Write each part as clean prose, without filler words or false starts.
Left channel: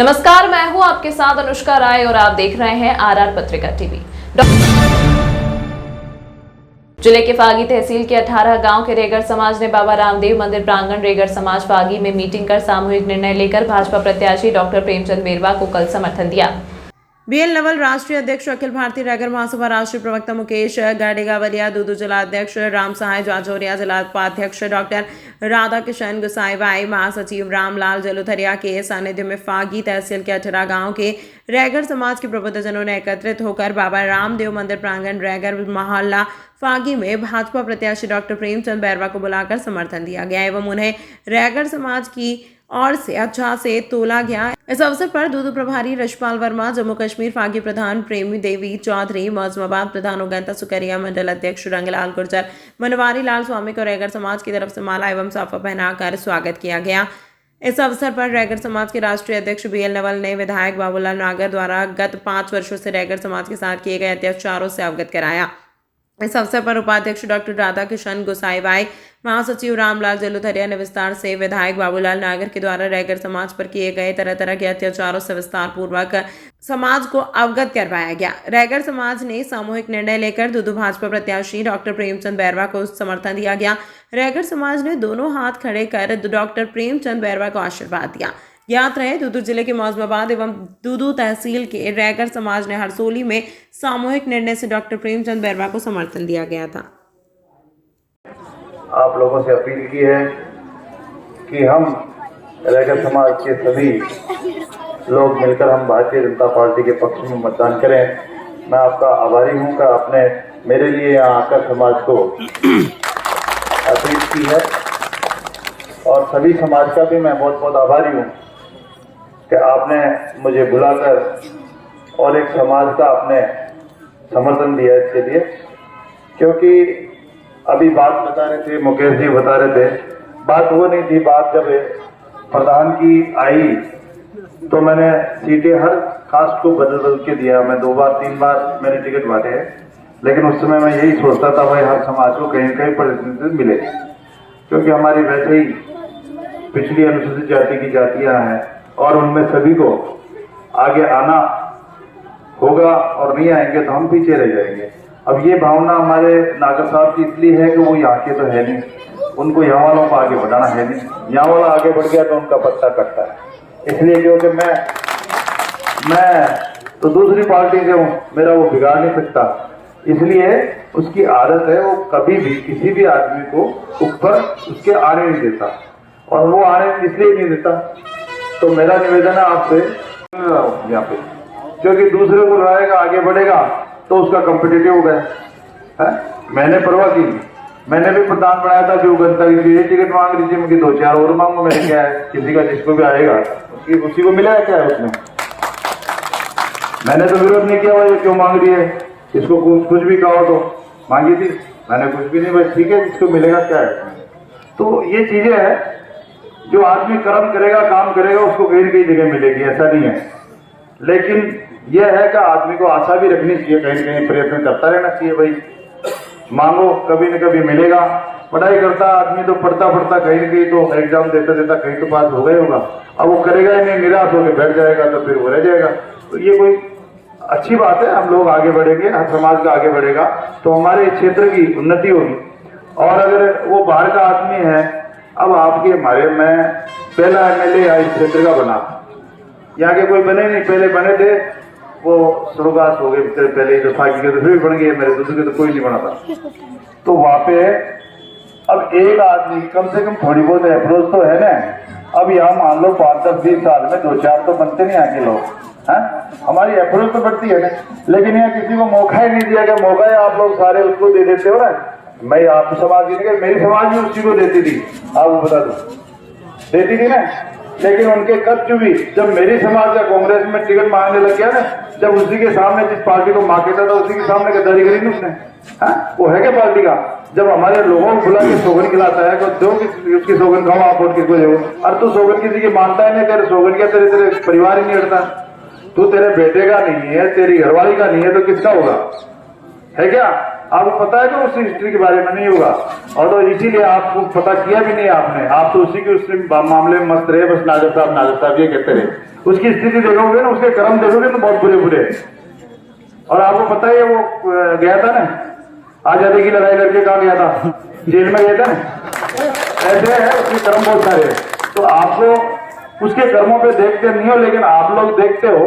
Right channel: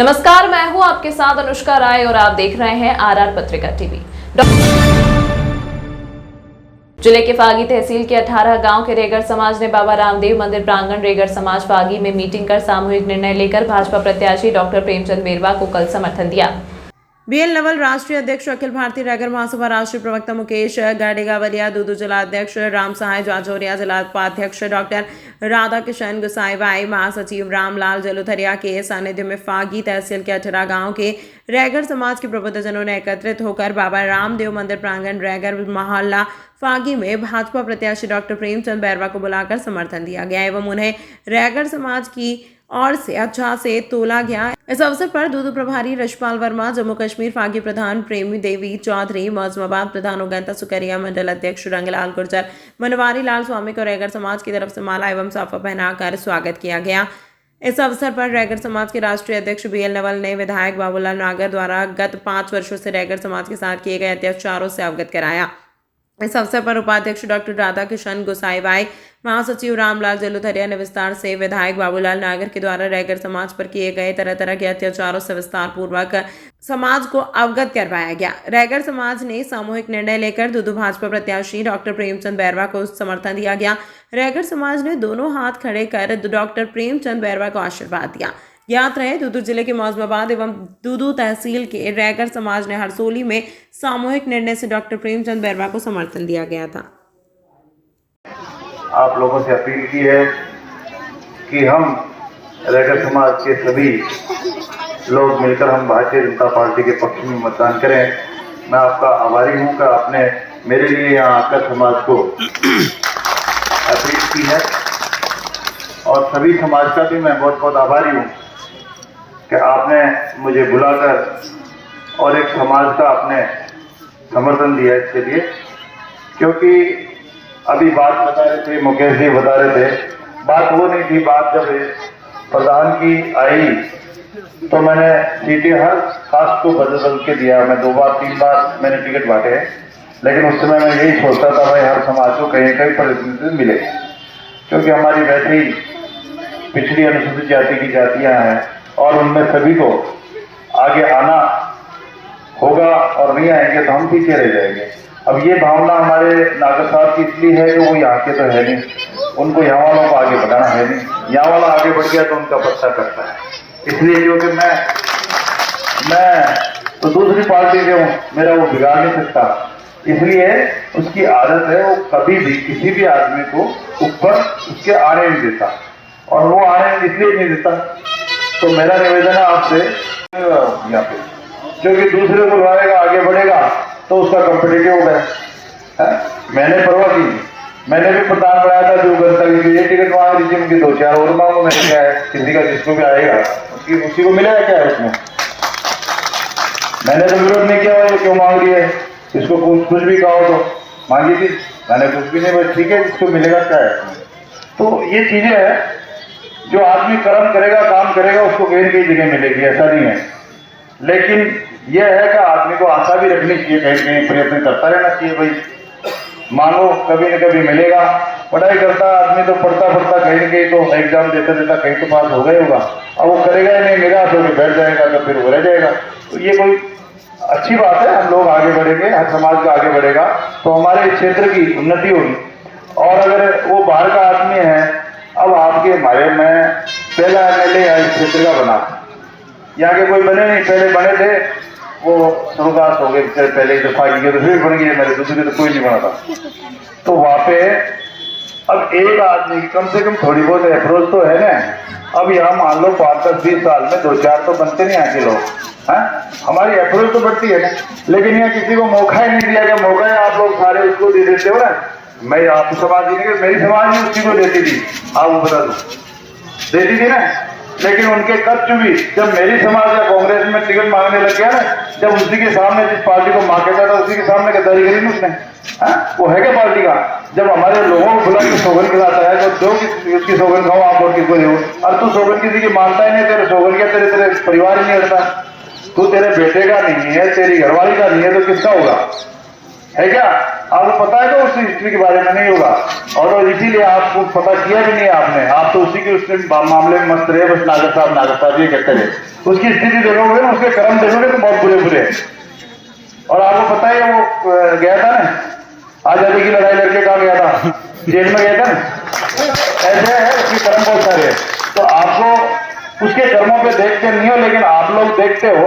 नमस्कार, मैं हूं आपके साथ अनुष्का राय और आप देख रहे हैं आरआर पत्रिका टीवी। जिले के फागी तहसील के 18 गांव के रेगर समाज ने बाबा रामदेव मंदिर प्रांगण रेगर समाज फागी में मीटिंग कर सामूहिक निर्णय लेकर भाजपा प्रत्याशी डॉक्टर प्रेमचंद बेरवा को कल समर्थन दिया। बीएल नवल राष्ट्रीय अध्यक्ष, अखिल भारतीय रेगर महासभा राष्ट्रीय प्रवक्ता मुकेश गाडेगावलिया, दूदू जिला अध्यक्ष राम सहाय जाजौरिया, जिला उपाध्यक्ष डॉक्टर राधा किशन गुसाईबाई, महासचिव रामलाल जलुथरिया के सानिध्य में फागी तहसील के 18 गांव के रेगर समाज के प्रबुद्धजनों ने एकत्रित होकर बाबा रामदेव मंदिर प्रांगण रेगर मोहल्ला फागी में भाजपा प्रत्याशी डॉक्टर प्रेमचंद बेरवा को बुलाकर समर्थन दिया गया एवं उन्हें रेगर समाज की और से अच्छा से तोला गया। इस अवसर पर दूदू प्रभारी रशपाल वर्मा, जम्मू कश्मीर फागी प्रधान प्रेमी देवी चौधरी, मौजमाबाद प्रधान उगंता सुकरिया, मंडल अध्यक्ष रंगलाल गुर्जर, मनवारी लाल स्वामी को रेगर समाज की तरफ से माला एवं साफा पहनाकर स्वागत किया गया। इस अवसर पर रेगर समाज के राष्ट्रीय अध्यक्ष बीएल नवल ने विधायक बाबूलाल नागर द्वारा गत 5 वर्षों से रेगर समाज के साथ किए गए अत्याचारों से अवगत कराया। इस अवसर पर उपाध्यक्ष डॉक्टर राधा किशन गुसाईबाई, महासचिव रामलाल जलुथरिया ने विस्तार से विधायक बाबूलाल नागर के द्वारा रेगर समाज पर किए गए तरह तरह के अत्याचारों से विस्तार पूर्वक समाज को अवगत करवाया गया। रेगर समाज ने सामूहिक निर्णय लेकर दूदू भाजपा प्रत्याशी डॉक्टर प्रेमचंद बेरवा को समर्थन दिया गया। रेगर समाज ने दोनों हाथ खड़े कर डॉक्टर प्रेमचंद बेरवा को आशीर्वाद दिया। ज्ञात रहे, दूदू जिले के मौजमाबाद एवं दूदू तहसील के रेगर समाज ने हरसोली में सामूहिक निर्णय से डॉक्टर प्रेमचंद बेरवा को समर्थन दिया गया था। आप लोगों से अपील की है कि हम रेगर समाज के सभी लोग मिलकर हम भारतीय जनता पार्टी के पक्ष में मतदान करें। मैं आपका आभारी हूं कि आपने मेरे लिए यहाँ आकर समाज को अपील की है और सभी समाज का भी मैं बहुत बहुत आभारी हूँ कि आपने मुझे बुलाकर और एक समाज का आपने समर्थन दिया इसके लिए। क्योंकि अभी बात बता रहे थे, मुकेश जी बता रहे थे, बात वो नहीं थी। बात जब प्रधान की आई तो मैंने सीटें हर कास्ट को बदल के दिया। मैं 2 बार 3 बार मैंने टिकट बांटे हैं, लेकिन उस समय मैं यही सोचता था भाई हर समाज को कहीं कहीं प्रतिनिधित्व मिले, क्योंकि हमारी वैसे ही पिछड़ी अनुसूचित जाति की जातियां हैं और उनमें सभी को आगे आना होगा और नहीं आएंगे तो हम पीछे रह जाएंगे। अब ये भावना हमारे नागर साहब की इसलिए है कि वो यहाँ के तो है नहीं, उनको यहाँ वालों को आगे बढ़ाना है नहीं। यहाँ वाला आगे बढ़ गया तो उनका पत्ता करता है। इसलिए जो कि मैं तो दूसरी पार्टी से हूँ, मेरा वो बिगाड़ नहीं सकता। इसलिए उसकी आदत है, वो कभी भी किसी भी आदमी को ऊपर उसके आने नहीं देता और वो आने इसलिए नहीं देता। तो मेरा निवेदन है आपसे यहाँ पे, क्योंकि दूसरे को लाएगा आगे बढ़ेगा तो उसका कॉम्पिटिटिव हो गया। मैंने परवाह की, मैंने भी प्रधान बनाया था जो करता है ये टिकट मांग लीजिए, उनकी 2-4 और मांगो। मैंने क्या है, किसी का जिसको भी आएगा उसी को मिलेगा क्या है उसमें। मैंने तो विरोध नहीं किया, ये क्यों मांग रही है, इसको कुछ भी कहो तो मांगी थी, मैंने कुछ भी नहीं, बस ठीक है जिसको मिलेगा क्या है। तो ये चीजें है, जो आदमी कर्म करेगा काम करेगा उसको कहीं न कहीं जगह मिलेगी, ऐसा नहीं है। लेकिन यह है कि आदमी को आशा भी रखनी चाहिए, कहीं न कहीं प्रयत्न करता रहना चाहिए। भाई मांगो, कभी न कभी मिलेगा। पढ़ाई करता आदमी तो पढ़ता कहीं न कहीं तो एग्जाम देता कहीं तो पास हो गया होगा। अब वो करेगा ही नहीं, निराश होकर बैठ जाएगा तो फिर वो रह जाएगा। तो ये कोई अच्छी बात है, हम लोग आगे बढ़ेंगे, हर समाज का आगे बढ़ेगा तो हमारे क्षेत्र की उन्नति होगी। और अगर वो बाहर का आदमी है, अब आपके हमारे में पहला MLA इस क्षेत्र का बना, यहाँ के कोई बने नहीं, पहले बने थे वो स्वर्गवास हो गए पहले तो फागी के, तो फिर बन गए, मेरे दूसरे तो कोई नहीं बना था। तो वहाँ पे अब एक आदमी की कम से कम थोड़ी बहुत अप्रोच तो है ना। अब यहाँ मान लो 5-10-20 साल में 2-4 तो बनते नहीं यहाँ के लोग, हैं, हमारी अप्रोच तो बढ़ती है ना। लेकिन यहाँ किसी को मौका ही नहीं दिया गया। मौका है आप लोग सारे उसको दे देते हो ना। मैं आपको समाज दी नहीं, मेरी समाज में उसी को देती थी, आप वो बता दो, देती थी ना। लेकिन उनके कब चुभी जब मेरी समाज या कांग्रेस में टिकट मांगने लग गया ना, जब उसी के सामने जिस पार्टी को मांगता था उसी के सामने गद्दारी करी ना उसने। वो है क्या पार्टी का? जब हमारे लोगों को बुला के सोगन खिलाता है तो जो उसकी सोगन खाओ आप और किसको दो। और तू सोगन किसी की मानता ही नहीं, तेरे सोगन क्या तेरे परिवार ही नहीं हटता। तू तेरे बेटे का नहीं है, तेरी घरवाली का नहीं है तो किसका होगा, है क्या? आपको पता है कि उस हिस्ट्री के बारे में नहीं होगा, और तो इसीलिए आपको पता किया भी नहीं आपने, आप तो उसी के उसके मामले में मस्त रहे, बस नागर साहब ये कहते रहे। उसकी स्थिति देखोगे ना, उसके कर्म देखोगे तो बहुत बुरे बुरे। और आपको पता है वो गया था ना आजादी की लड़ाई लड़के कहाँ गया था, जेल में गया था ना, ऐसे है उसके कर्म बहुत सारे। तो आपको उसके कर्मों पे देख कर नहीं हो, लेकिन आप लोग देखते हो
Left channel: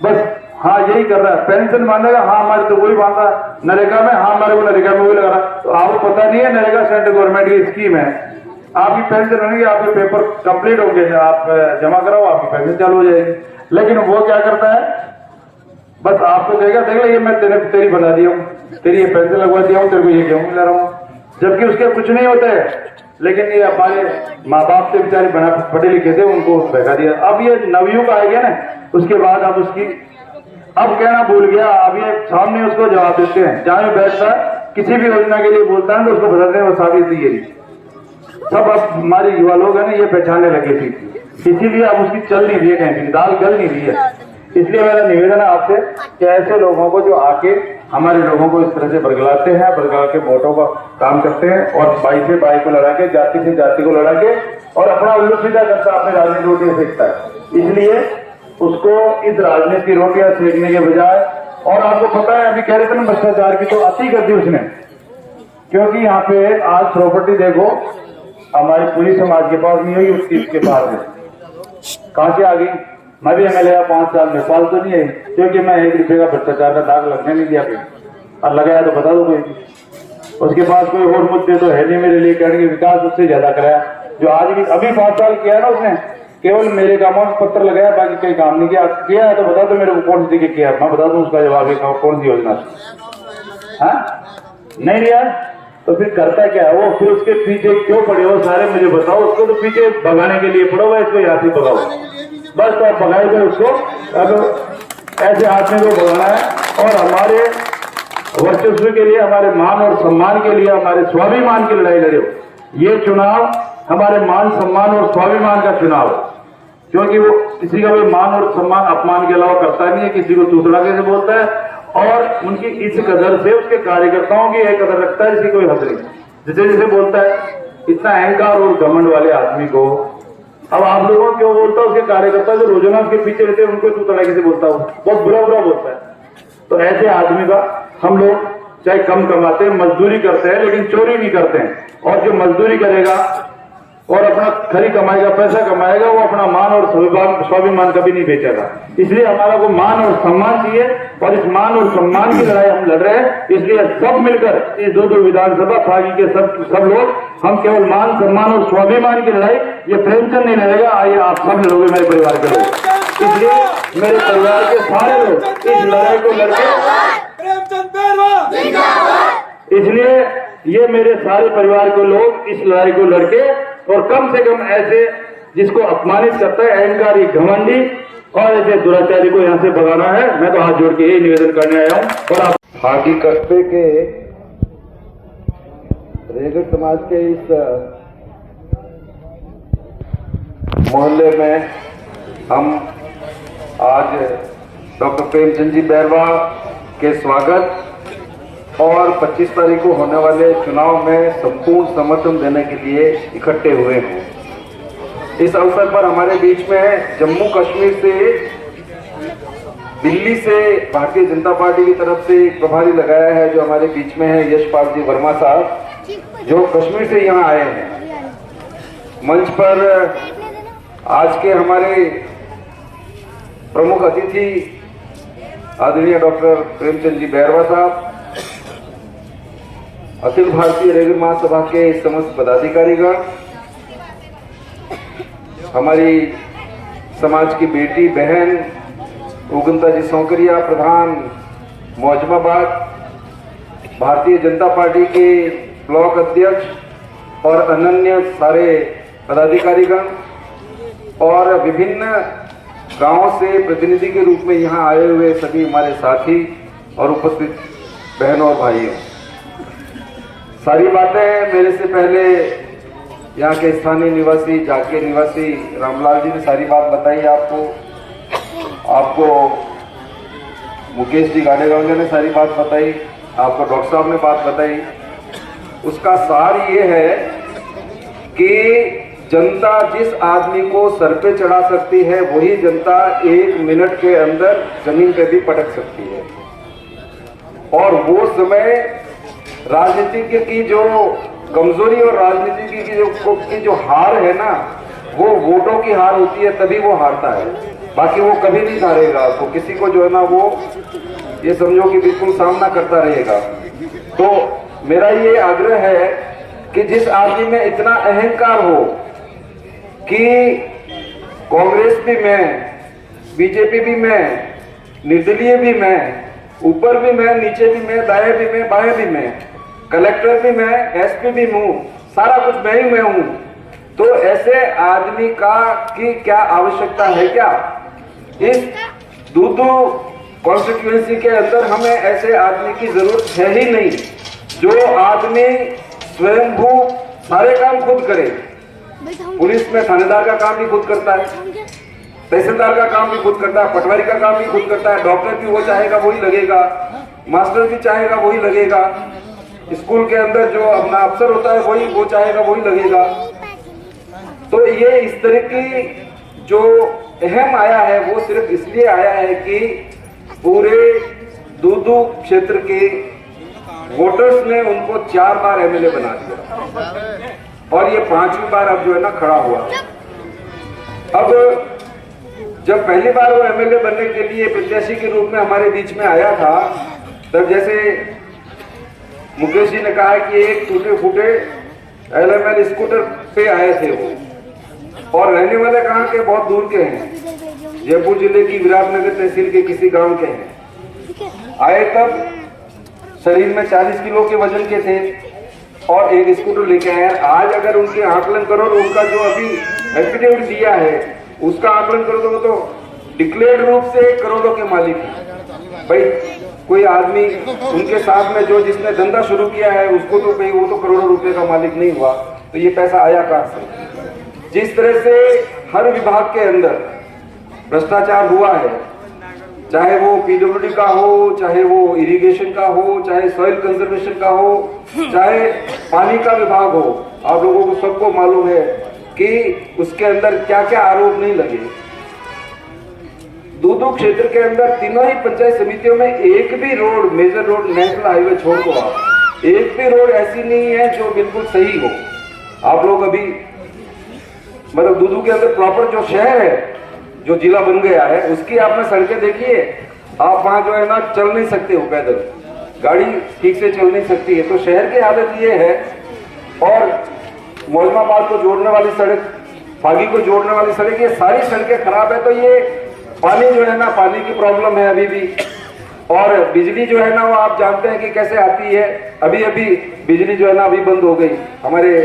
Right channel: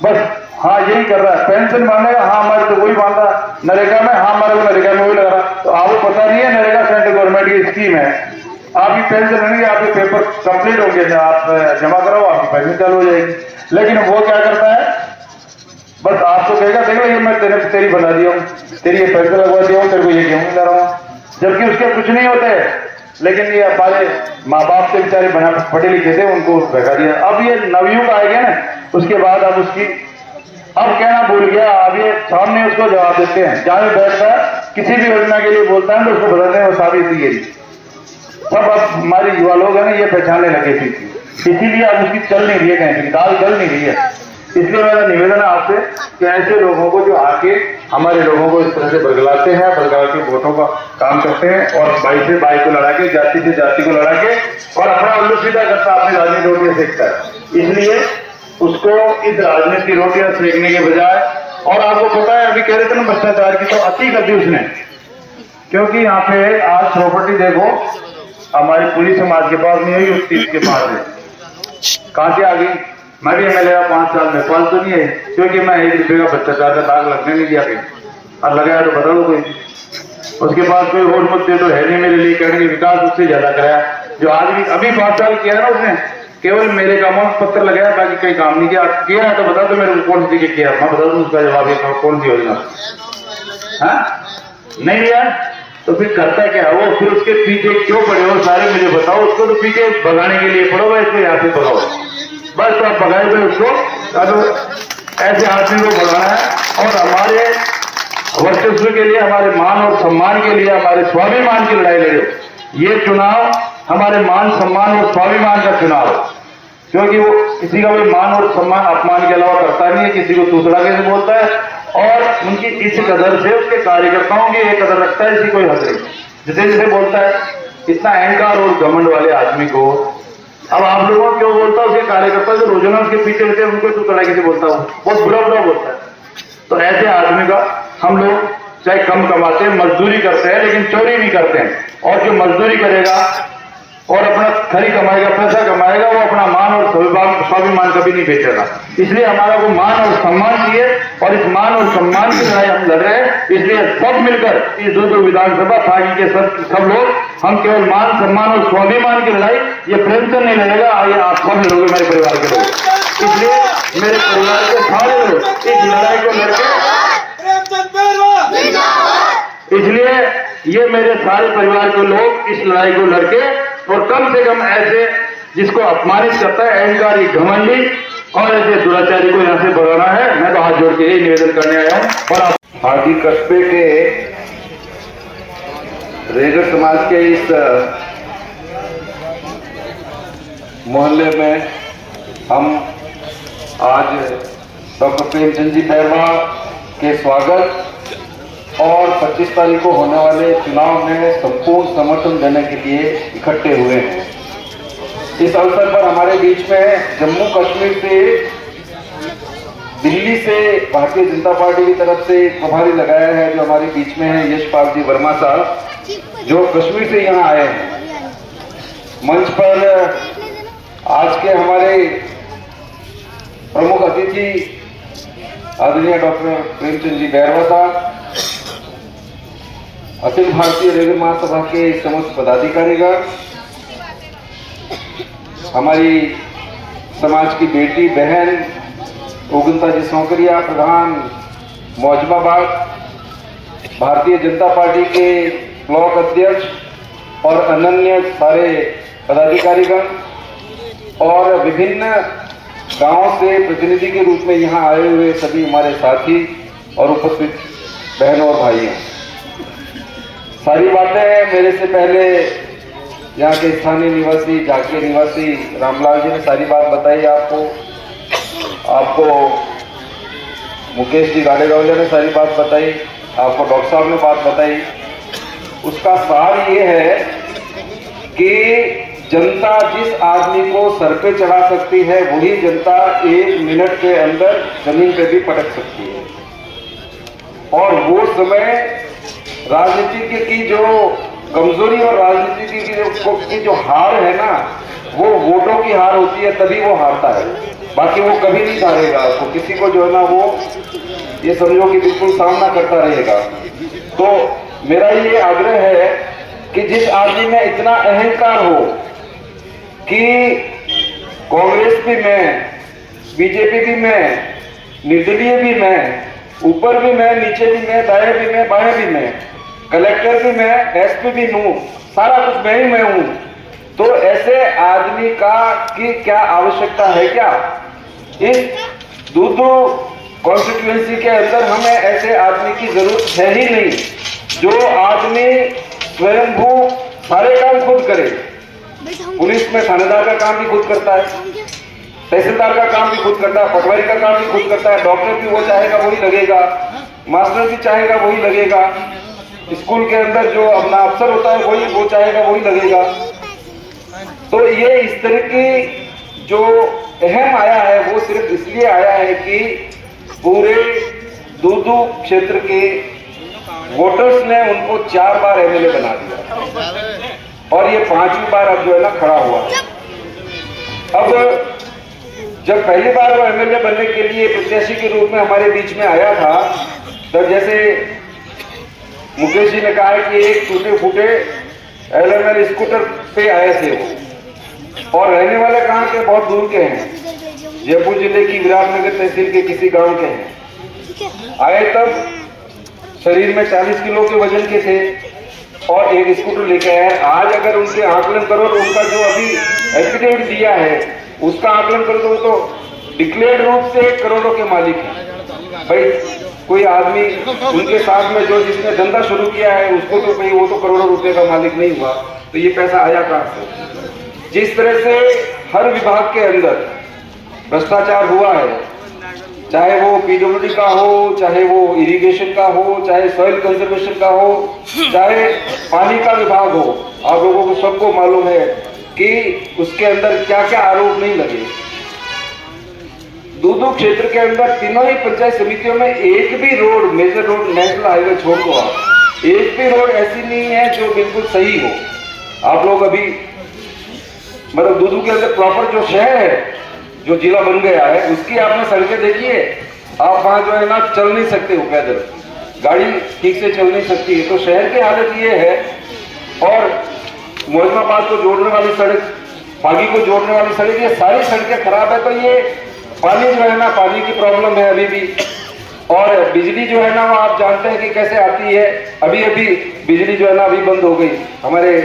बस, हाँ यही कर रहा है, पेंशन मांगेगा, हाँ हमारे तो वही मांगा, नरेगा में, हाँ हमारे को नरेगा में वही लगा रहा। तो आपको पता नहीं है नरेगा सेंट्रल गवर्नमेंट की स्कीम है, आपकी पेंशन होगी, आपके पेपर कंप्लीट होंगे, आप जमा कराओ, आपकी पेंशन चालू हो जाएगी। लेकिन वो क्या करता है, बस आपको कहेगा देखो ये मैं तेरी बना दिया हूँ, तेरी ये पेंशन लगवा दिया हूँ, तेरे को ये गेहूं मिला रहा हूँ, जबकि उसके कुछ नहीं होते। लेकिन ये हमारे माँ बाप से बेचारे बना पढ़े लिखे थे, उनको भगा दिया। अब ये नवयुग आ गया ना, उसके बाद अब उसकी अब कहना भूल गया, अब ये सामने उसको जवाब देते हैं, जहां भी बैठता है किसी भी योजना के लिए बोलता है तो उसको बदलने में साबित सब अब हमारे युवा लोग हैं ना ये पहचानने लगे थे, इसीलिए अब उसकी चल नहीं रही है, कहीं दाल जल नहीं रही है। इसलिए मेरा निवेदन है आपसे कि ऐसे लोगों को जो आके हमारे लोगों को इस तरह से बदलाते हैं, बदला के वोटों का काम करते हैं, और भाई से भाई को लड़ा के, जाति से जाति को लड़ा के, और अपना उल्लू सीधा करता अपनी राजनीति रोटियां सेकता है। इसलिए उसको इस राजनीति रोटियां सेकने के बजाय, और आपको पता है अभी कह रहे थे ना भ्रष्टाचार की, तो अति कर दी उसने, क्योंकि यहाँ पे आज प्रॉपर्टी देखो हमारी पुलिस समाज के पास नहीं हुई, उस के पास है, कहां से आ गई। मैं भी एमएलए 5 साल में, पाल तो नहीं है, क्योंकि मैं 1 रुपये का भ्रष्टाचार का दाग लगने नहीं दिया कहीं, और लगाया तो बता दो कोई, उसके पास कोई और मुद्दे तो है नहीं मेरे लिए, कहने के विकास उससे ज्यादा कराया। जो आज भी अभी 5 साल किया ना उसने, केवल मेरे कामों में पत्र लगाया, बाकी कई काम नहीं किया है तो बता दो मेरे को कौन सी जगह किया, मैं बता दूं उसका जवाब है कौन सी योजना, नहीं लिया तो फिर करता क्या है वो, फिर उसके पीछे क्यों पड़े हो सारे मुझे बताओ। उसको तो पीछे भगाने के लिए पड़ो, इसको यहाँ से भगाओ, बस तो आप भगाए हुए उसको, ऐसे आदमी को भगाना है। और हमारे वर्चस्व के लिए, हमारे मान और सम्मान के लिए, हमारे स्वाभिमान की लड़ाई लड़े। ये चुनाव हमारे मान सम्मान और स्वाभिमान का चुनाव है, क्योंकि वो किसी का भी मान और सम्मान अपमान के अलावा करता नहीं है, किसी को तूतड़ा के बोलता है, और उनकी इस कदर से उसके कार्यकर्ताओं की एक कदर रखता है, इसी कोई हक नहीं, जिसे जिसे बोलता है। इतना अहंकार और घमंड वाले आदमी को अब आप लोगों को क्यों बोलता है, उसके कार्यकर्ता जो रोजाना उसके पीछे रहते हैं उनको तूतड़ा के बोलता हूँ, बहुत बुरा बुरा बोलता है। तो ऐसे आदमी का हम लोग चाहे कम कमाते हैं, मजदूरी करते हैं, लेकिन चोरी नहीं करते हैं। और जो मजदूरी करेगा और अपना खरी कमाएगा, पैसा कमाएगा, वो अपना मान और स्वाभिमान कभी नहीं बेचेगा। इसलिए हमारा को मान और सम्मान चाहिए, और इस मान और सम्मान की लड़ाई हम लड़ रहे हैं। इसलिए सब मिलकर इस 2 विधानसभा भागी के सब लोग, हम केवल मान सम्मान और स्वाभिमान की लड़ाई, ये प्रेमचंद नहीं लड़ेगा, आइए आप सब लड़ोगे मेरे परिवार के लोग। इसलिए मेरे परिवार के सारे लोग इस लड़ाई को लड़के, इसलिए ये मेरे सारे परिवार के लोग इस लड़ाई को लड़के, और कम से कम ऐसे जिसको अपमानित करता है, अहंकारी, घमंडी और ऐसे दुराचारी को यहाँ से भगाना है। मैं तो हाथ जोड़ के यही निवेदन करने आया हूँ। और हादी कस्बे के रेगर समाज के इस मोहल्ले में हम आज डॉक्टर प्रेमचंद जी बैरवा के स्वागत और 25 तारीख को होने वाले चुनाव में संपूर्ण समर्थन देने के लिए इकट्ठे हुए हैं। इस अवसर पर हमारे बीच में जम्मू कश्मीर से, दिल्ली से भारतीय जनता पार्टी की तरफ से प्रभारी लगाया है, जो हमारे बीच में है यशपाल जी वर्मा साहब, जो कश्मीर से यहाँ आए हैं। मंच पर आज के हमारे प्रमुख अतिथि आदरणीय डॉक्टर प्रेमचंद जी बैरवा साहब, अखिल भारतीय रेगर महासभा के समस्त पदाधिकारीगण, हमारी समाज की बेटी बहन उगंता जी सौकरिया प्रधान मौजमाबाद, भारतीय जनता पार्टी के ब्लॉक अध्यक्ष और अन्य सारे पदाधिकारीगण, और विभिन्न गांवों से प्रतिनिधि के रूप में यहाँ आए हुए सभी हमारे साथी और उपस्थित बहनों और भाइयों, सारी बातें मेरे से पहले यहाँ के स्थानीय निवासी, जाके निवासी रामलाल जी ने सारी बात बताई आपको मुकेश जी गाड़ेगावले ने सारी बात बताई, आपको डॉक्टर साहब ने बात बताई, उसका सार ये है कि जनता जिस आदमी को सर पे चढ़ा सकती है वही जनता 1 मिनट के अंदर जमीन पे भी पटक सकती है। और वो समय राजनीति की जो कमजोरी और राजनीति की जो हार है ना, वो वोटों की हार होती है, तभी वो हारता है, बाकी वो कभी नहीं हारेगा। तो किसी को जो है ना वो ये समझो कि बिल्कुल सामना करता रहेगा। तो मेरा ये आग्रह है कि जिस आदमी में इतना अहंकार हो कि कांग्रेस भी मैं, बीजेपी भी मैं, निर्दलीय भी मैं, ऊपर भी मैं, नीचे भी मैं, दाएं भी मैं, बाएं भी मैं, कलेक्टर भी मैं, एसपी भी हूँ, सारा कुछ मैं ही मैं हूँ। तो ऐसे आदमी की क्या आवश्यकता है? क्या इस दूदू कॉन्स्टिट्यूएंसी के अंदर हमें ऐसे आदमी की जरूरत है ही नहीं, जो आदमी स्वयंभू सारे काम खुद करे। पुलिस में थानेदार का काम भी खुद करता है, तहसीलदार का काम भी खुद करता है, पटवारी का काम भी खुद करता है, डॉक्टर भी वो चाहेगा वही लगेगा, मास्टर भी चाहेगा वही लगेगा, स्कूल के अंदर जो अपना अफसर होता है वही वो चाहेगा वही लगेगा। तो ये इस तरह की जो अहम आया है वो सिर्फ इसलिए आया है कि पूरे दूदू क्षेत्र के वोटर्स ने उनको 4 बार एमएलए बना दिया और ये 5वीं बार अब जो है ना खड़ा हुआ। अब जब पहली बार वो एमएलए बनने के लिए प्रत्याशी के रूप में हमारे बीच में आया था, तब जैसे मुकेश जी ने कहा कि एक टूटे फूटे एलएमएल स्कूटर पे आए थे वो, और रहने वाले कहाँ के, बहुत दूर के हैं, जयपुर जिले की विराटनगर तहसील के किसी गांव के हैं। आए तब शरीर में 40 किलो के वजन के थे और एक स्कूटर लेके आए। आज अगर उनसे आकलन करो तो उनका जो अभी एफिडेविट दिया है उसका आकलन करो तो डिक्लेयर्ड रूप से करोड़ों के मालिक हैं। भाई कोई आदमी उनके साथ में जो जिसने धंधा शुरू किया है उसको तो कहीं वो तो करोड़ों रुपए का मालिक नहीं हुआ, तो ये पैसा आया कहां से? जिस तरह से हर विभाग के अंदर भ्रष्टाचार हुआ है, चाहे वो पीडब्ल्यूडी का हो, चाहे वो इरिगेशन का हो, चाहे सॉइल कंजर्वेशन का हो, चाहे पानी का विभाग हो, आप लोगों को सबको मालूम है कि उसके अंदर क्या क्या आरोप नहीं लगे। दूदू क्षेत्र के अंदर तीनों ही पंचायत समितियों में एक भी road, major road, national highway छोड़ दो आप, एक भी रोड ऐसी नहीं है जो बिल्कुल सही हो। आप लोग अभी मतलब दूदू के अंदर प्रॉपर जो शहर है, जो जिला बन गया है, उसकी आपने सड़कें देखिए, आप वहां जो है ना चल नहीं सकते हो, पैदल गाड़ी ठीक से चल नहीं सकती है। तो शहर की हालत ये है। और मोजमाबाद को जोड़ने वाली सड़क, फागी को जोड़ने वाली सड़क, ये सारी सड़कें खराब है। तो ये पानी जो है ना, पानी की प्रॉब्लम है अभी भी। और बिजली जो है ना वो आप जानते हैं कि कैसे आती है। अभी अभी बिजली जो है ना अभी बंद हो गई। हमारे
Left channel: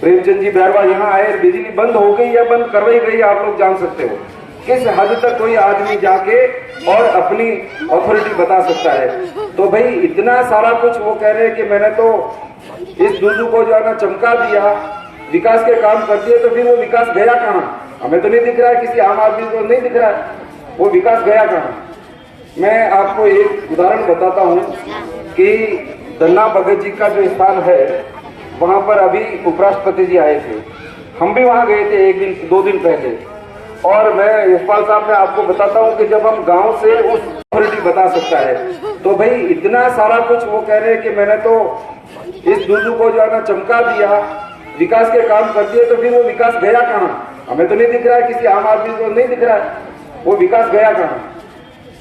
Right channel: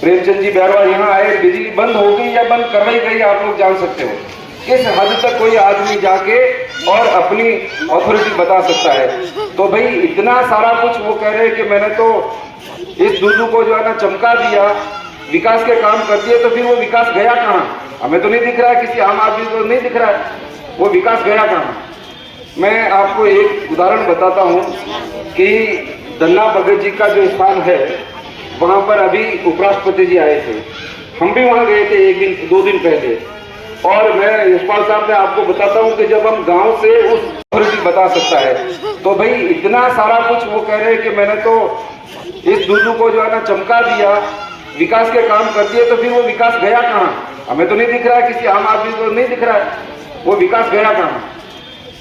प्रेमचंद जी बैरवा यहाँ आए, बिजली बंद हो गई या बंद करवाई गई, आप लोग जान सकते हो। किस हद तक कोई आदमी जाके और अपनी अथॉरिटी बता सकता है। तो भाई इतना सारा कुछ वो कह रहे हैं कि मैंने तो इस दूदू को जो है ना चमका दिया, विकास के काम कर दिए, तो फिर वो विकास गया कहाँ? हमें तो नहीं दिख रहा है, किसी आम आदमी को नहीं दिख रहा है वो विकास गया कहाँ। मैं आपको एक उदाहरण बताता हूँ कि दन्ना भगत जी का जो स्थान है वहाँ पर अभी उपराष्ट्रपति जी आए थे, हम भी वहाँ गए थे 2 दिन पहले। और मैं यशपाल साहब मैं आपको बताता हूँ कि जब हम गांव से उस अथॉरिटी बता सकता है, तो भाई इतना सारा कुछ वो कह रहे हैं कि मैंने तो इस दूदू को जो है ना चमका दिया, विकास के काम कर दिए, तो फिर वो विकास गया कहाँ? हमें तो नहीं दिख रहा है, किसी आम आदमी को नहीं दिख रहा है वो विकास गया कहाँ।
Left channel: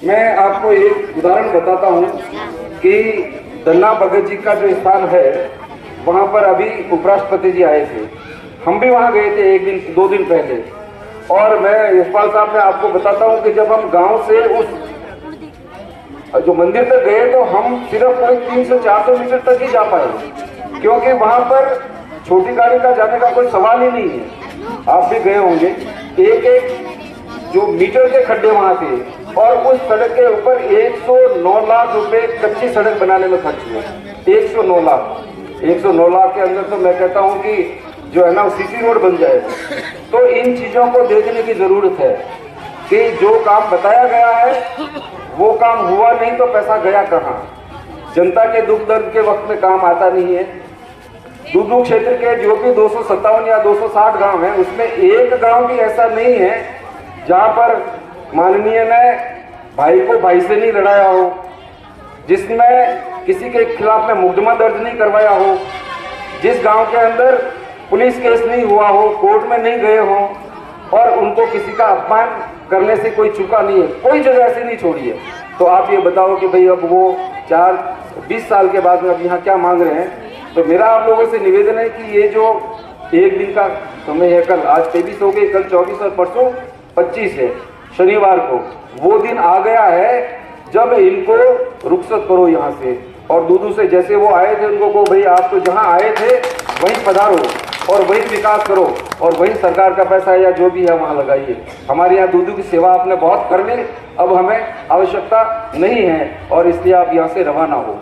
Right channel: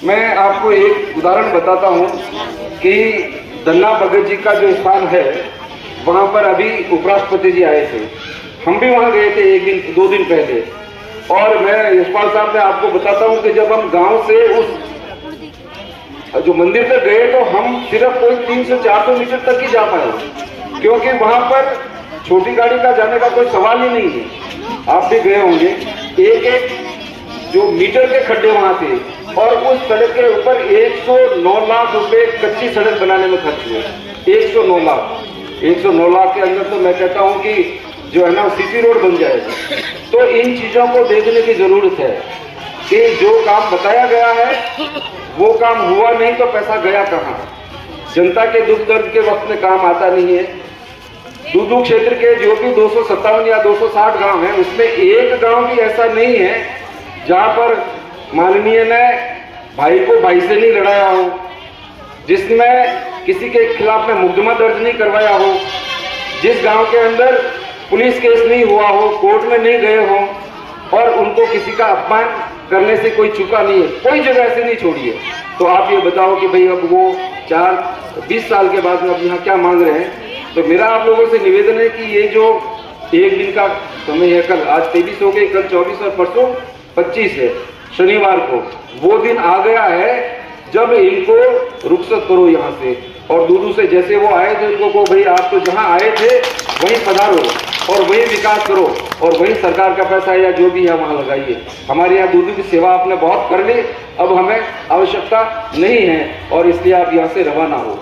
मैं आपको एक उदाहरण बताता हूँ कि दन्ना भगत जी का जो स्थान है वहाँ पर अभी उपराष्ट्रपति जी आए थे, हम भी वहाँ गए थे 2 दिन पहले। और मैं यशपाल साहब मैं आपको बताता हूँ कि जब हम गांव से उस जो मंदिर तक गए तो हम सिर्फ कोई 300-400 मीटर तक ही जा पाए, क्योंकि वहां पर छोटी गाड़ी का जाने का कोई सवाल ही नहीं है। आप भी गए होंगे, एक जो मीटर के खड्डे वहां थे, और उस सड़क के ऊपर 109 लाख रुपए कच्ची सड़क बनाने में खर्च हुए। 109 लाख के अंदर तो मैं कहता हूं कि जो है ना सीसी रोड बन जाएगा। तो इन चीजों को देखने की जरूरत है कि जो काम बताया गया है वो काम हुआ नहीं तो पैसा गया कहाँ। जनता के दुख दर्द के वक्त में काम आता नहीं है। दूदू क्षेत्र के जो भी 257 या 260 गांव हैं, उसमें एक गांव भी ऐसा नहीं है जहां पर माननीय ने भाई को भाई से नहीं लड़ाया हो, जिसमें किसी के खिलाफ में मुकदमा दर्ज नहीं करवाया हो, जिस गांव के अंदर पुलिस केस नहीं हुआ हो, कोर्ट में नहीं गए हो और उनको किसी का अपमान करने से कोई चूका नहीं है, कोई जगह ऐसी नहीं छोड़ी है। तो आप ये बताओ कि भाई अब वो 20 साल के बाद में अब यहाँ क्या मांग रहे हैं। तो मेरा आप लोगों से निवेदन है कि ये जो एक दिन का समय है, कल आज 23 हो गए, कल 24 और परसों 25 है, शनिवार को वो दिन आ गया है जब इनको रुखसत करो यहाँ से। और दूदू से जैसे वो आए थे उनको कहो भाई आप तो जहाँ आए थे वहीं पधारो और वहीं विकास करो और वहीं सरकार का पैसा या जो भी है वहाँ लगाइए। हमारे यहाँ दूदू की सेवा आपने बहुत कर ली, अब हमें आवश्यकता नहीं है और इसलिए आप यहाँ से रवाना हो।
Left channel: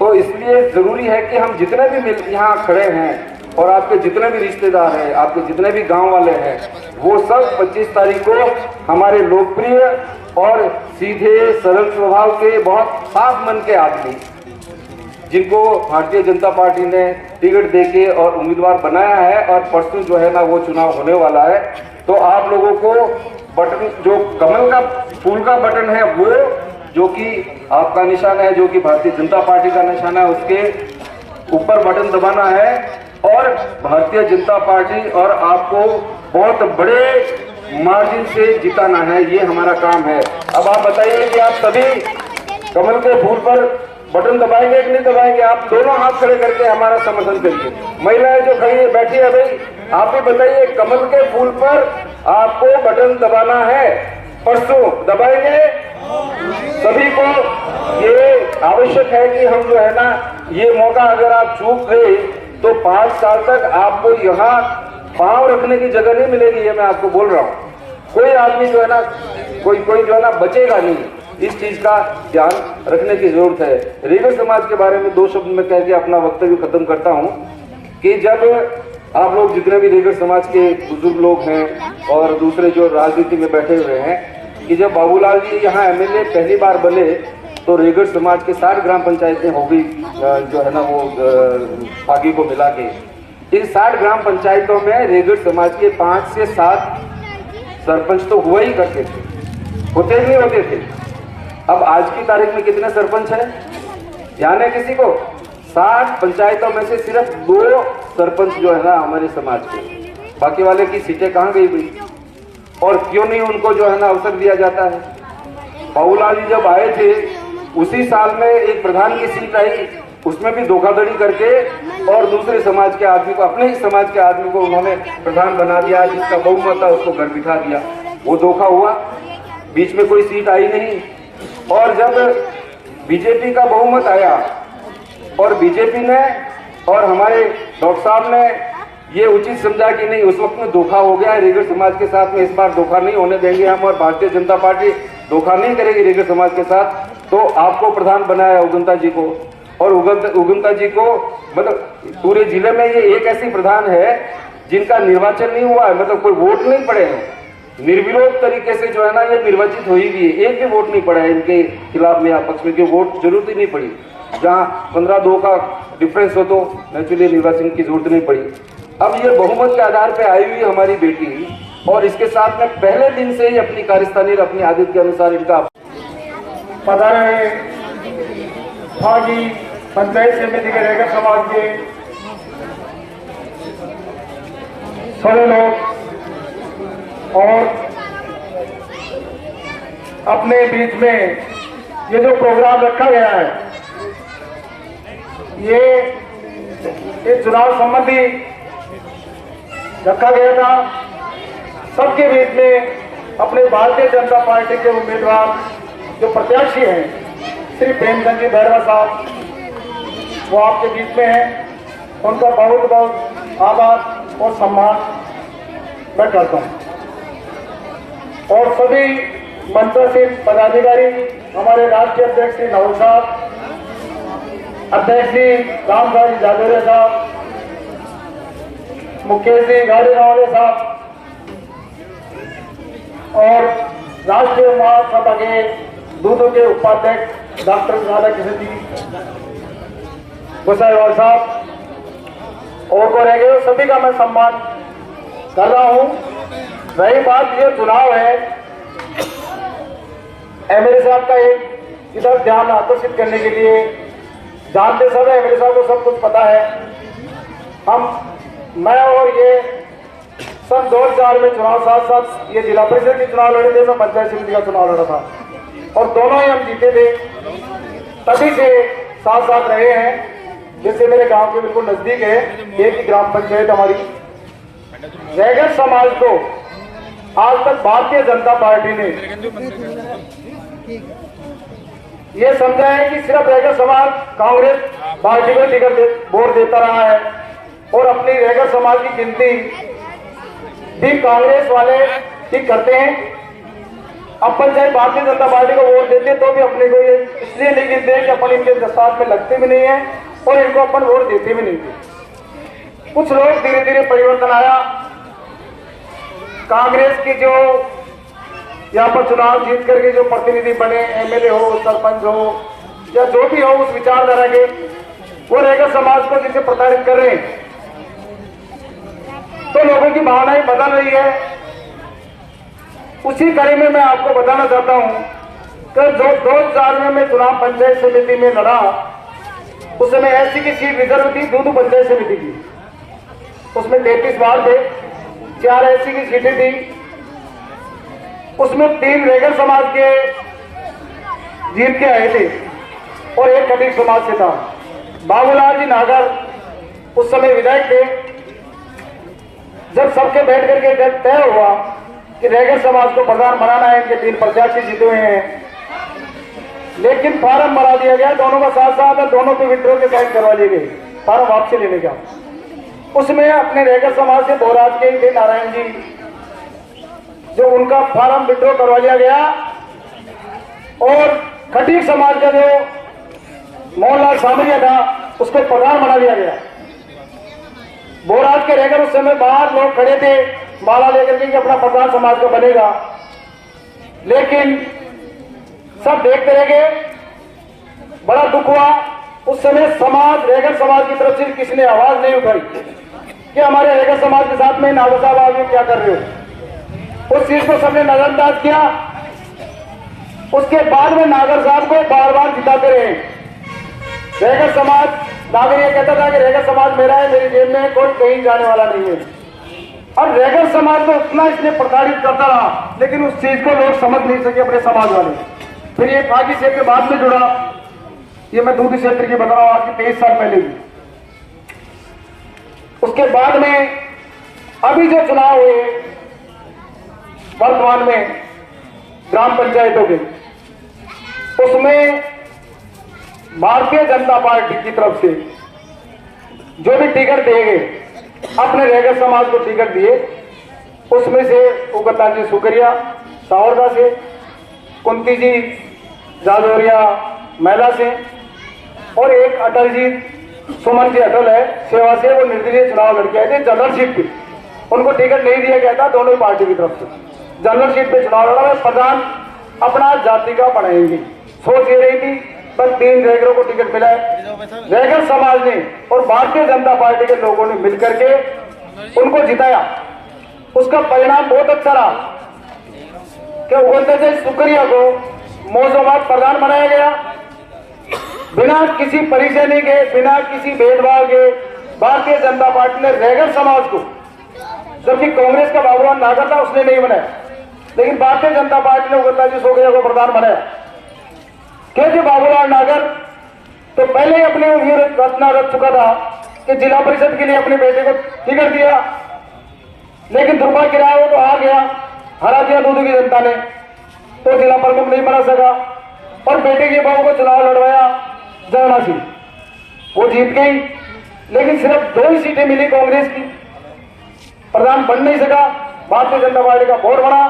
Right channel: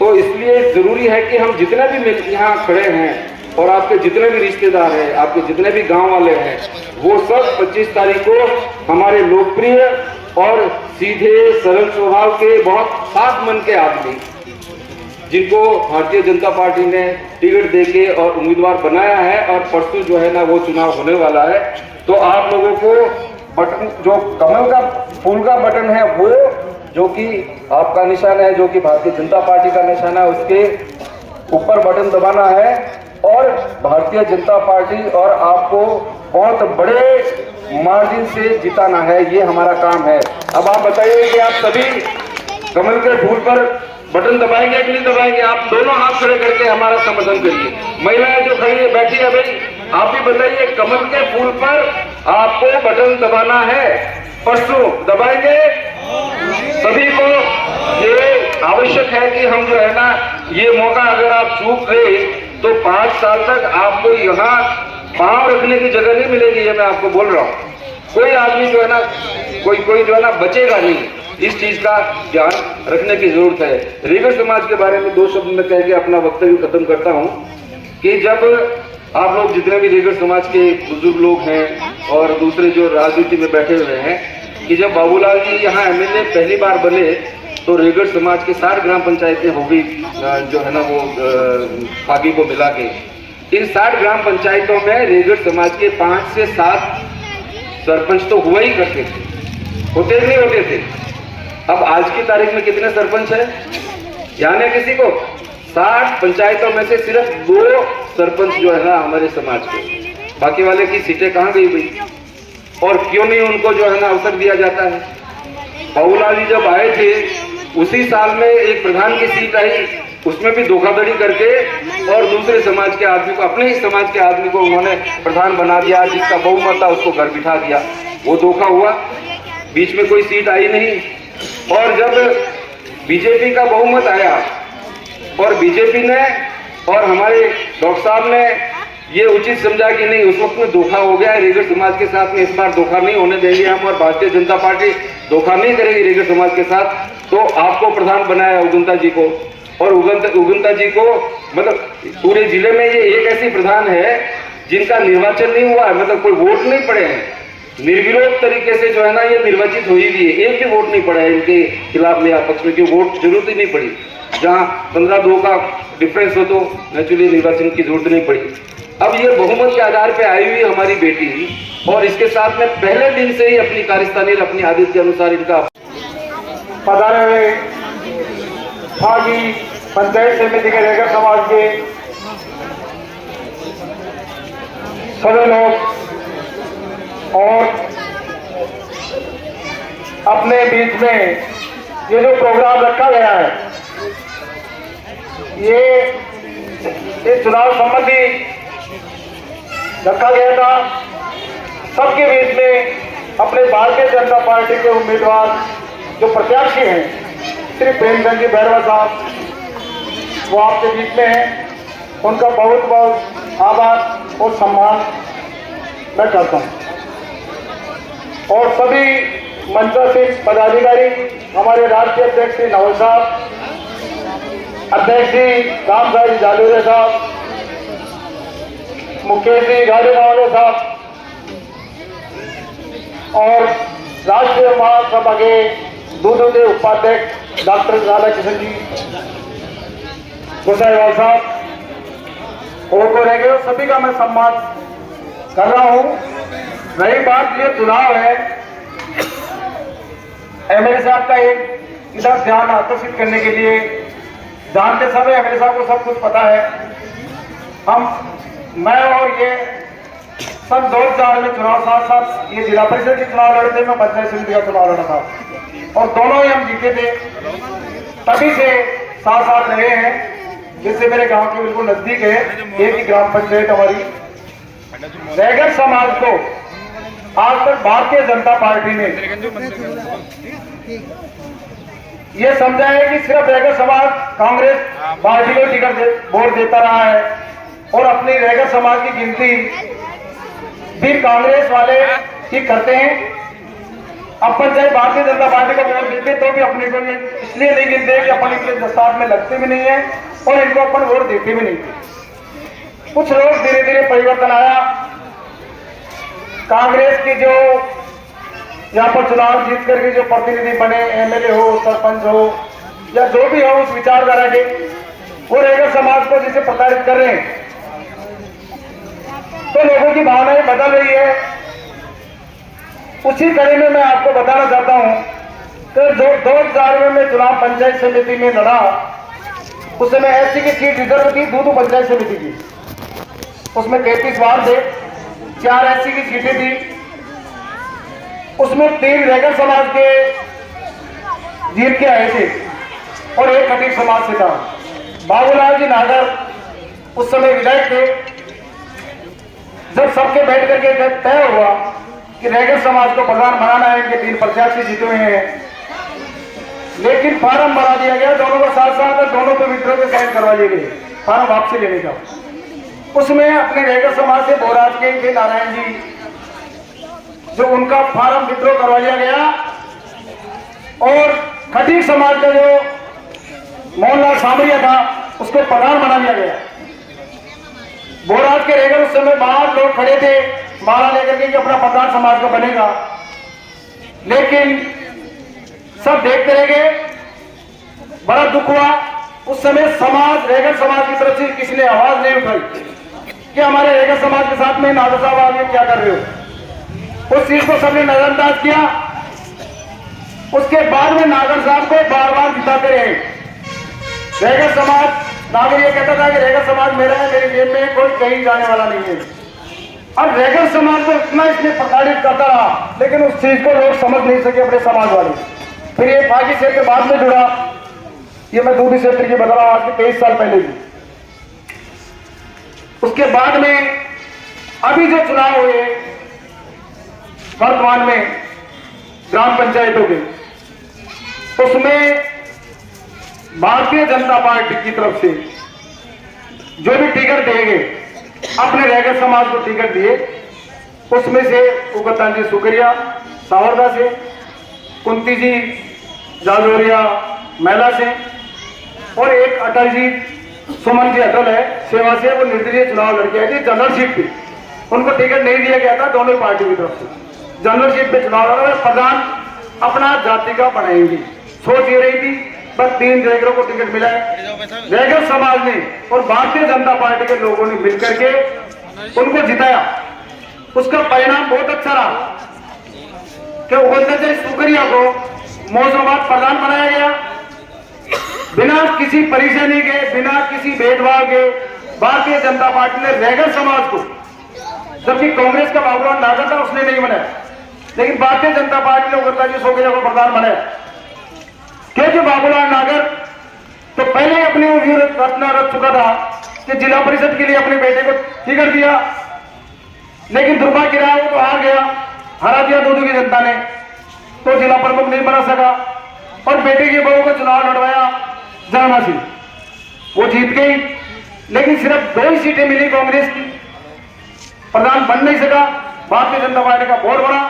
तो इसलिए ज़रूरी है कि हम जितने भी यहाँ खड़े हैं और आपके जितने भी रिश्तेदार हैं, आपके जितने भी गांव वाले हैं, वो सब 25 तारीख को हमारे लोकप्रिय और सीधे सरल स्वभाव के बहुत साफ मन के आदमी, जिनको भारतीय जनता पार्टी ने टिकट देके और उम्मीदवार बनाया है और परसों जो है ना वो चुनाव होने वाला है। तो आप लोगों को बटन, जो कमल का फूल का बटन है, वो जो कि आपका निशान है, जो कि भारतीय जनता पार्टी का निशान है, उसके ऊपर बटन दबाना है और भारतीय जनता पार्टी और आपको बहुत बड़े मार्जिन से जिताना है, ये हमारा काम है। अब आप बताइए कि आप सभी कमल के फूल पर बटन दबाएंगे कि नहीं दबाएंगे? आप दोनों हाथ खड़े करके हमारा समर्थन करिए। महिलाएं जो खड़ी है बैठी है, भाई आप भी बताइए, कमल के फूल पर आपको बटन दबाना है, परसों दबाएंगे? सभी को ये आवश्यक है कि हम जो है ना, ये मौका अगर आप चूक गए तो 5 साल तक आपको यहाँ पांव रखने की जगह नहीं मिलेगी, ये मैं आपको बोल रहा हूँ। कोई आदमी जो है ना, कोई जो है ना बचेगा नहीं, इस चीज का ध्यान रखने की जरूरत है। रेगर समाज के बारे में 2 शब्द में कह के अपना वक्तव्य खत्म करता हूँ कि जब आप लोग जितने भी रेगर समाज के बुजुर्ग लोग हैं और दूसरे जो राजनीति में बैठे हुए हैं, कि जब बाबूलाल जी यहाँ एमएलए पहली बार बने तो रेगर समाज के 60 ग्राम पंचायतें हो गई, जो है ना वो आगे को मिला के। इन 60 ग्राम पंचायतों में रेगर समाज के 5 से 7 सरपंच तो हुआ ही करते थे, होते नहीं होते थे। अब आज की तारीख में कितने सरपंच हैं ध्यान है किसी को? 60 पंचायतों में से सिर्फ 2 सरपंच जो है ना हमारे समाज के, बाकी वाले की सीटें कहाँ गई भाई? और क्यों नहीं उनको जो है ना अवसर दिया जाता है? बाबूलाल जी जब आए थे उसी साल में एक प्रधान की सीट आई, उसमें भी धोखाधड़ी करके और दूसरे समाज के आदमी को, अपने ही समाज के आदमी को उन्होंने प्रधान बना दिया, जिसका बहुमत था उसको घर बिठा दिया। वो धोखा हुआ, बीच में कोई सीट आई नहीं। और जब बीजेपी का बहुमत आया और बीजेपी ने और हमारे डॉक्टर साहब ने ये उचित समझा कि नहीं, उस वक्त में धोखा हो गया है रेगर समाज के साथ में, इस बार धोखा नहीं होने देंगे हम और भारतीय जनता पार्टी धोखा नहीं करेगी रेगर समाज के साथ, तो आपको प्रधान बनाया उगंता जी को। और उगंता जी को मतलब पूरे जिले में ये एक ऐसी प्रधान है जिनका निर्वाचन नहीं हुआ है, मतलब कोई वोट नहीं पड़े हैं, निर्विरोध तरीके से जो है ना ये निर्वाचित हुई भी है, एक भी वोट नहीं पड़ा है इनके खिलाफ में या पक्ष में, क्यों वोट जरूरत ही नहीं पड़ी। जहाँ 15-2 का डिफरेंस हो तो नेचुरली निर्वाचन की जरूरत नहीं पड़ी। अब ये बहुमत के आधार पे आई हुई हमारी बेटी और इसके साथ में पहले दिन से ही अपनी कार्यस्थानी अपनी आदत के अनुसार इनका पधारे भागी पंचायत समिति के रेगर समाज के सभी लोग और अपने बीच में ये जो प्रोग्राम रखा गया है, ये चुनाव संबंधी रखा गया था। सबके बीच में अपने भारतीय जनता पार्टी के उम्मीदवार जो प्रत्याशी हैं श्री प्रेमचंद जी बैरवा साहब, वो आपके बीच में हैं, उनका बहुत बहुत आभार और सम्मान मैं करता हूँ। और सभी मंचासीन पदाधिकारी, हमारे राष्ट्रीय अध्यक्ष श्री नवल साहब, अध्यक्ष श्री राम साहब जालोरे साहब, मुकेश जी गाड़ी नवाले साहब और राष्ट्रीय महासभा के दूदू के उपाध्यक्ष डॉक्टर राधाकृष्ण जी, गोसाईवाल साहब और को रह गए, सभी का मैं सम्मान कर रहा हूं। रही बात ये चुनाव है, एमएलए साहब का एक इधर ध्यान आकर्षित करने के लिए, जानते सब है एमएलए साहब को सब कुछ पता है। मैं और ये सन 2004 में चुनाव साथ साथ ये जिला परिषद की चुनाव लड़े थे, मैं पंचायत समिति का चुनाव लड़ा था और दोनों ही हम जीते थे। तभी से साथ साथ रहे हैं, जिससे मेरे गांव के बिल्कुल नजदीक है एक ही ग्राम पंचायत हमारी। रैगर समाज को आज तक भारतीय जनता पार्टी ने यह समझा है कि सिर्फ रैगर समाज कांग्रेस पार्टी को टिकट वोट देता रहा है और अपनी रैगर समाज की गिनती भी कांग्रेस वाले ही करते हैं। अपन चाहे भारतीय जनता पार्टी को वोट देते तो भी अपने को इसलिए नहीं गिनते कि अपन इनके दस्तार में लगते भी नहीं है और इनको अपन वोट देते भी नहीं थे। कुछ लोग धीरे धीरे परिवर्तन आया, कांग्रेस की जो यहाँ पर चुनाव जीत करके जो प्रतिनिधि बने, एमएलए हो, सरपंच हो या जो भी हो, उस विचारधारा के वो रैगर समाज को जैसे प्रताड़ित कर रहे हैं, तो लोगों की भावनाएं बदल रही है। उसी कड़ी में मैं आपको बताना चाहता हूं कि जो 2004 में मैं चुनाव पंचायत समिति में लड़ा, उस समय एससी की सीट रिजर्व थी, दूदू पंचायत समिति की, उसमें 33 वार्ड थे, 4 एससी की सीटें थी, उसमें 3 रैगर समाज के जीत के आए थे और एक खटीक समाज से था। बाबूलाल जी नागर उस समय विधायक थे। जब सबके बैठ करके तय हुआ कि रैगर समाज को प्रधान बनाना है, इनके 3 प्रत्याशी जीते हुए हैं, लेकिन फार्म बना दिया गया दोनों का साथ साथ, दोनों के विड्रॉ के कैद करवा लिए गए फार्म वापसी लेने का। उसमें अपने रैगर समाज से बोराज के थे नारायण जी, जो उनका फार्म विड्रॉ करवा लिया गया और खटीक समाज का जो मोहनलाल सामरिया था उसको प्रधान बना दिया गया। बोराज के रैगर उस समय बाहर लोग खड़े थे माला लेकर के अपना प्रधान समाज का बनेगा, लेकिन सब देखते रह गए। बड़ा दुख हुआ। उस समय समाज, रैगर समाज की तरफ से किसी ने आवाज नहीं उठाई कि हमारे रैगर समाज के साथ में नागर साहब आप ये क्या कर रहे हो। उस चीज को सबने नजरअंदाज किया। उसके बाद में नागर साहब को बार बार जिताते रहे। रैगर समाज, नागर ये कहता था कि रैगर समाज मेरा है, मेरी जेब में कोई कहीं जाने वाला नहीं है। अब रैगर समाज को इतना इसलिए प्रताड़ित करता रहा, लेकिन उस चीज को लोग समझ नहीं सके अपने समाज वाले। फिर ये बाकी क्षेत्र के बाद में जुड़ा, ये मैं दूसरे क्षेत्र की बता रहा हूं, आज के 23 साल पहले की। उसके बाद में अभी जो चुनाव हुए वर्तमान में ग्राम पंचायतों के, उसमें भारतीय जनता पार्टी की तरफ से जो भी टिकट देंगे, अपने रैगर समाज को टिकट दिए, उसमें से उगतान जी सुकरिया सावरदा से, कुंती जी जाजौरिया मैला से और एक अटल जी, सुमन जी अटल है सेवा से, वो निर्दलीय चुनाव लड़के आए थे जनरल सीट पे। उनको टिकट नहीं दिया गया था दोनों पार्टी की तरफ से। जनरल सीट पे चुनाव लड़ा, प्रधान अपना जाति का बनाएंगे, सोच ये रही थी। पर 3 रैगरों को टिकट मिला है। रैगर समाज ने और भारतीय जनता पार्टी के लोगों ने मिलकर के उनको जिताया। उसका परिणाम बहुत अच्छा रहा कि उगलते से सुकरिया को मौजूद प्रधान बनाया गया, बिना किसी परेशानी के, बिना किसी भेदभाव के। भारतीय जनता पार्टी ने रैगर समाज को, जबकि कांग्रेस का बाबूलाल नागर था उसने नहीं बनाया, लेकिन भारतीय जनता पार्टी ने उगलता जी सुकरिया को प्रधान बनाया। क्योंकि बाबूलाल नागर तो पहले ही अपनी रचना रच चुका था कि जिला परिषद के लिए अपने बेटे को टिकट दिया, लेकिन दुर्भाग्य रहा वो तो हार गया, हरा दिया दूदू की जनता ने, तो जिला प्रमुख नहीं बना सका। और बेटे की बहू को चुनाव लड़वाया जमुना सिंह, वो जीत गई, लेकिन सिर्फ 2 ही सीटें मिली कांग्रेस की, प्रधान बन नहीं सका। भारतीय जनता पार्टी का वोट बढ़ा,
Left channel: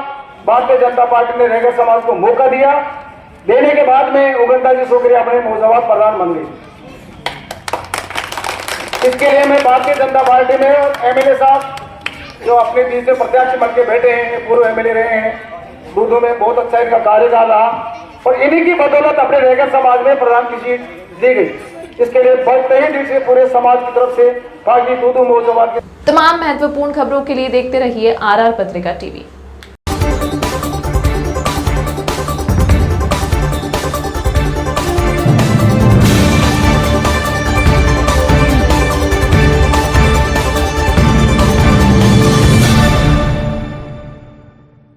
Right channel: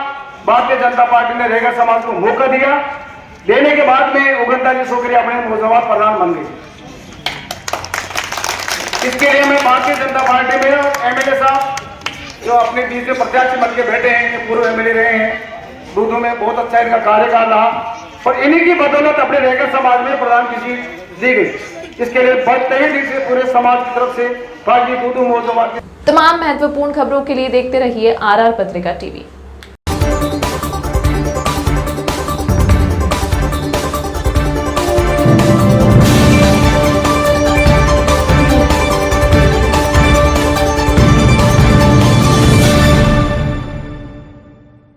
भारतीय जनता पार्टी ने रैगर समाज को मौका दिया, देने के बाद में उगलता जी सुकरिया अपने मौजूद प्रधान बन गए। इसके लिए मैं भारतीय जनता पार्टी में और एमएलए साहब जो अपने बीच में प्रत्याशी बन के बैठे हैं, पूर्व एमएलए रहे हैं, दूदू में बहुत अच्छा इनका कार्यकाल रहा और इन्हीं की बदौलत अपने रैगर समाज में प्रधान की सीट दी गई। इसके लिए बहुत तहे दिल से पूरे समाज की तरफ से बागी दूदू मौजूद तमाम महत्वपूर्ण खबरों के लिए देखते रहिए RR पत्रिका टीवी।